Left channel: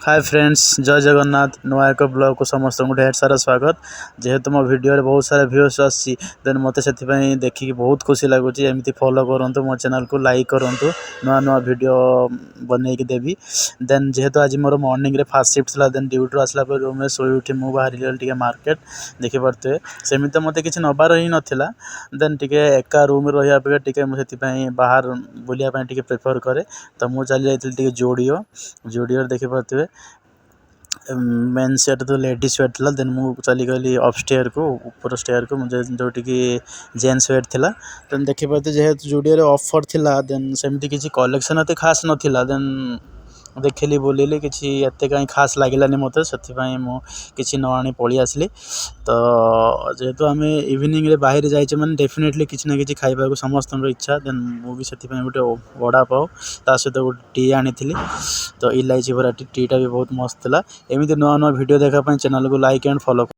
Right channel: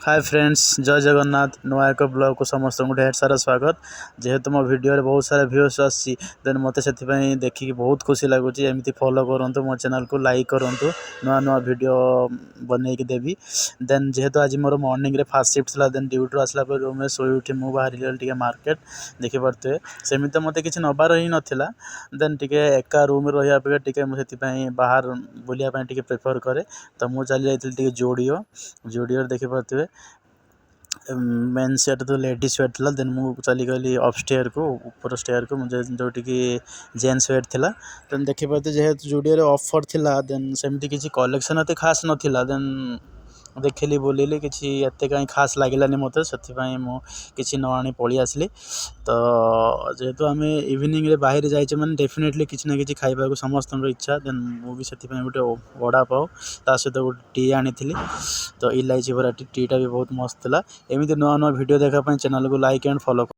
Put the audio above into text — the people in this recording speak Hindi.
हाय फ्रेंड्स, जय जगन्नाथ। नुआ एक ब्लॉग को समस्त ढेर सारा स्वागत। जेहेतु मो वीडियो बहुत सारा व्यूअर्स आसी देन मत से देखिए बहुत खुशी लगुच। एमती फॉलो करूँ मो चैनल को लाइक करूँ, नुआ नुआ वीडियो बनईकी देवी। देन जेहेतु आज मोर मॉर्निंग रे फास्ट शिफ्ट था, देन ड्यूटी आसला रूम में शोई उठी मुझे बाहर गली मार्केट देखिपे सेमती तो मत कि नबार ही नाला। देन टे एका रूम रहा अपेक्षा मुझे बाहर बुलायापी प्रिफर करे। तो मुझे चली जाइए जूडियो देखिपे मेन सेट तो लेडीज वेयर था। देन मुझे चली गली अपस्टेयर को, ऊपर स्टेयर को मुझे जोटि जेन्स वेयर था। देन देखिए जेहेतु जूडियो ऑफर थिला, देन सेमती किसी कलेक्शन एत खास नाला। देन देखिली बुलिली किसी एत कहीं खास लगिलानी मत से मुझे न आनी पलि आसली। तो जेहेतु आम इवनिंग रे बाहर जाइए मैंने डेफिनेटली किसी ना कि खाइबा समस्त इच्छा। देन मुझे गोटे वड़ा पाव ता सहित गोटे टी आनी। तो इलायची भरा टीटा भी बहुत मस्त था। एमती नुआ नुआ वीडियो देखापी चैनल को लाइक एंड फॉलो।